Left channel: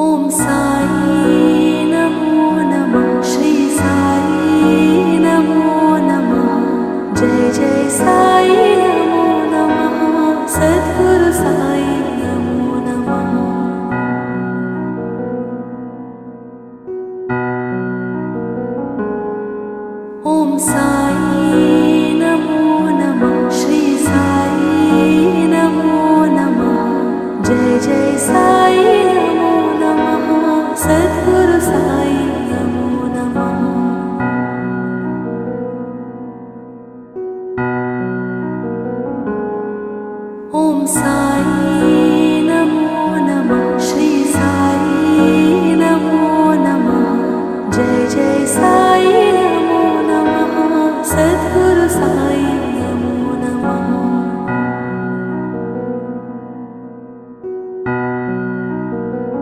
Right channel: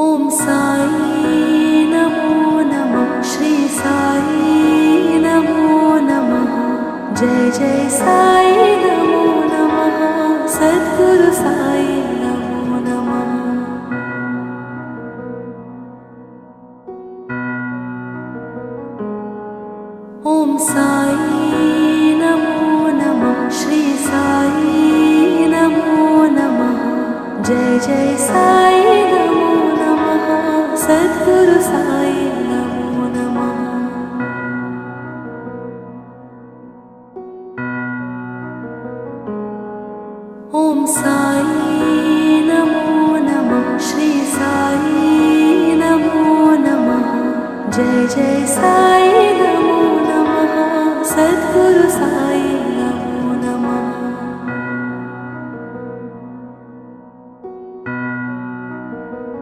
ॐ साई नमो नमः। श्री साई नमो नमः। जय जय साई नमो नमः। सद्गुरु साई नमो नमः। ॐ साई नमो नमः। श्री साई नमो नमः। जय जय साई